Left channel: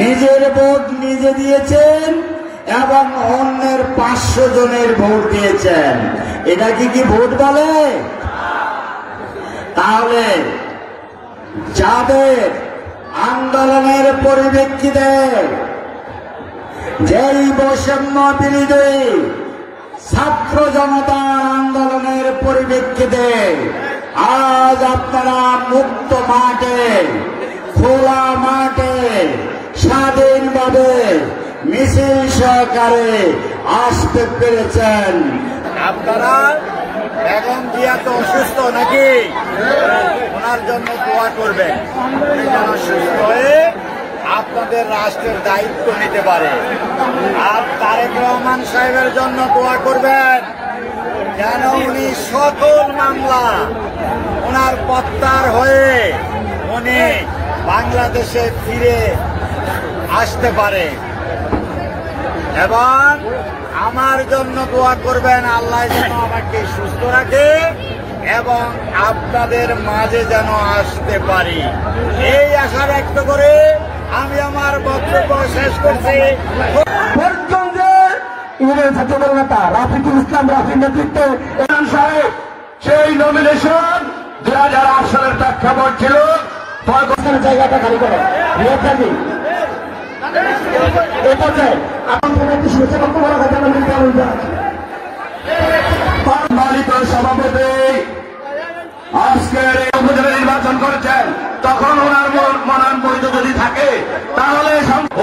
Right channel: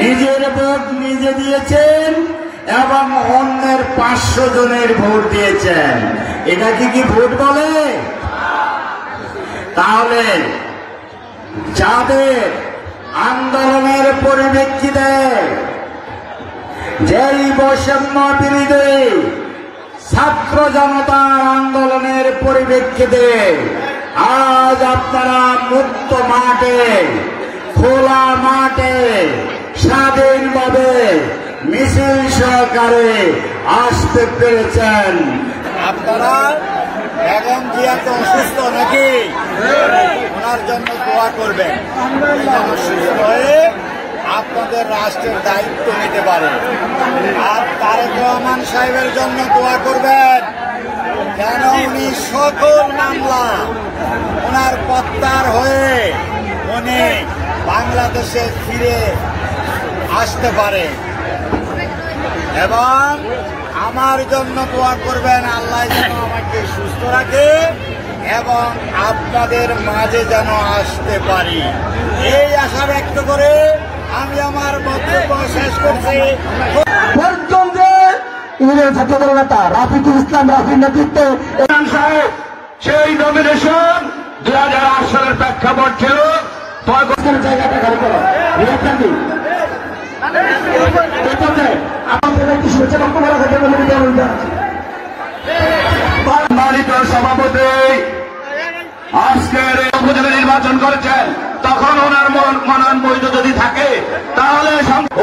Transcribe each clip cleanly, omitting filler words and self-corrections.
নিজের ভোট নিজে দিয়েছেন এবং অন্যের 500 জনের ভোট দিয়েছেন। এটা কি ভোট বলে? তাহলে যাদের আন্দোলনের পরিপ্রেক্ষিতে, যেই বৈষম্য বিরোধী ছাত্র জনতার আন্দোলনের পরিপ্রেক্ষিতে আজ আপনারা মুক্ত মাঠে, খোলা মাঠে স্বাধীনভাবে মিছিল সহকারে আসতে পেরেছেন। আপনারা বেগম জিয়া তো অসুস্থ নাকি? ওনার জন্য দোয়া করবেন, উনি যেন সুস্থ হয়ে আপনাদের রাষ্ট্রের দায়িত্ব নিতে পারে। আর তারেক রহমান সাহেবের জন্য দোয়া করবেন যেন উনি সকল মামলা ওনার প্রত্যাহার হয়ে উনি বাংলাদেশে ফিরে আসতে পারে। এবং আমার জন্য দোয়া করবেন, আল্লাহ যেন আমাকে সুস্থ রাখে এবং আপনাদের মাঝে যেন আসতে পারি, এই আশা ব্যক্ত করে আমি আমার বক্তব্য শেষ করছি। ছাত্রদল নেতা রাফিকুল ইসলাম রাফির নেতৃত্বে সেই নমিনেশন 2008 সালের প্রেক্ষাপট ছিল। জায়গাটা খালি করে সম্মানিত সভাপতি আজকের এই উপজেলা নির্বাচন করেছেন, তখন ওনার মনন বৈধ যদি থাকে তাহলে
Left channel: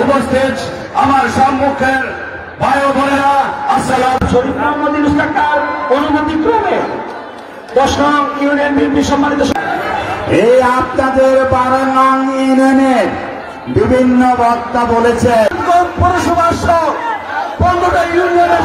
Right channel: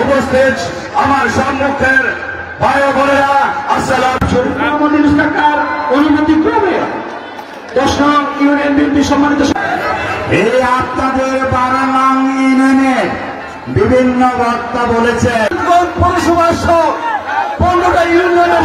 উপস্থিত আমার সম্মুখের ভাই বোনেরা, আসসালাম। অনুমতি ক্রমে 10 নং ইউনিয়ন বিএনপি সম্মানিত এই আপনাদের 12 নং ইউনিয়নের বিভিন্ন বক্তা বলেছেন পৌরসভা 15টা ইউনিয়নের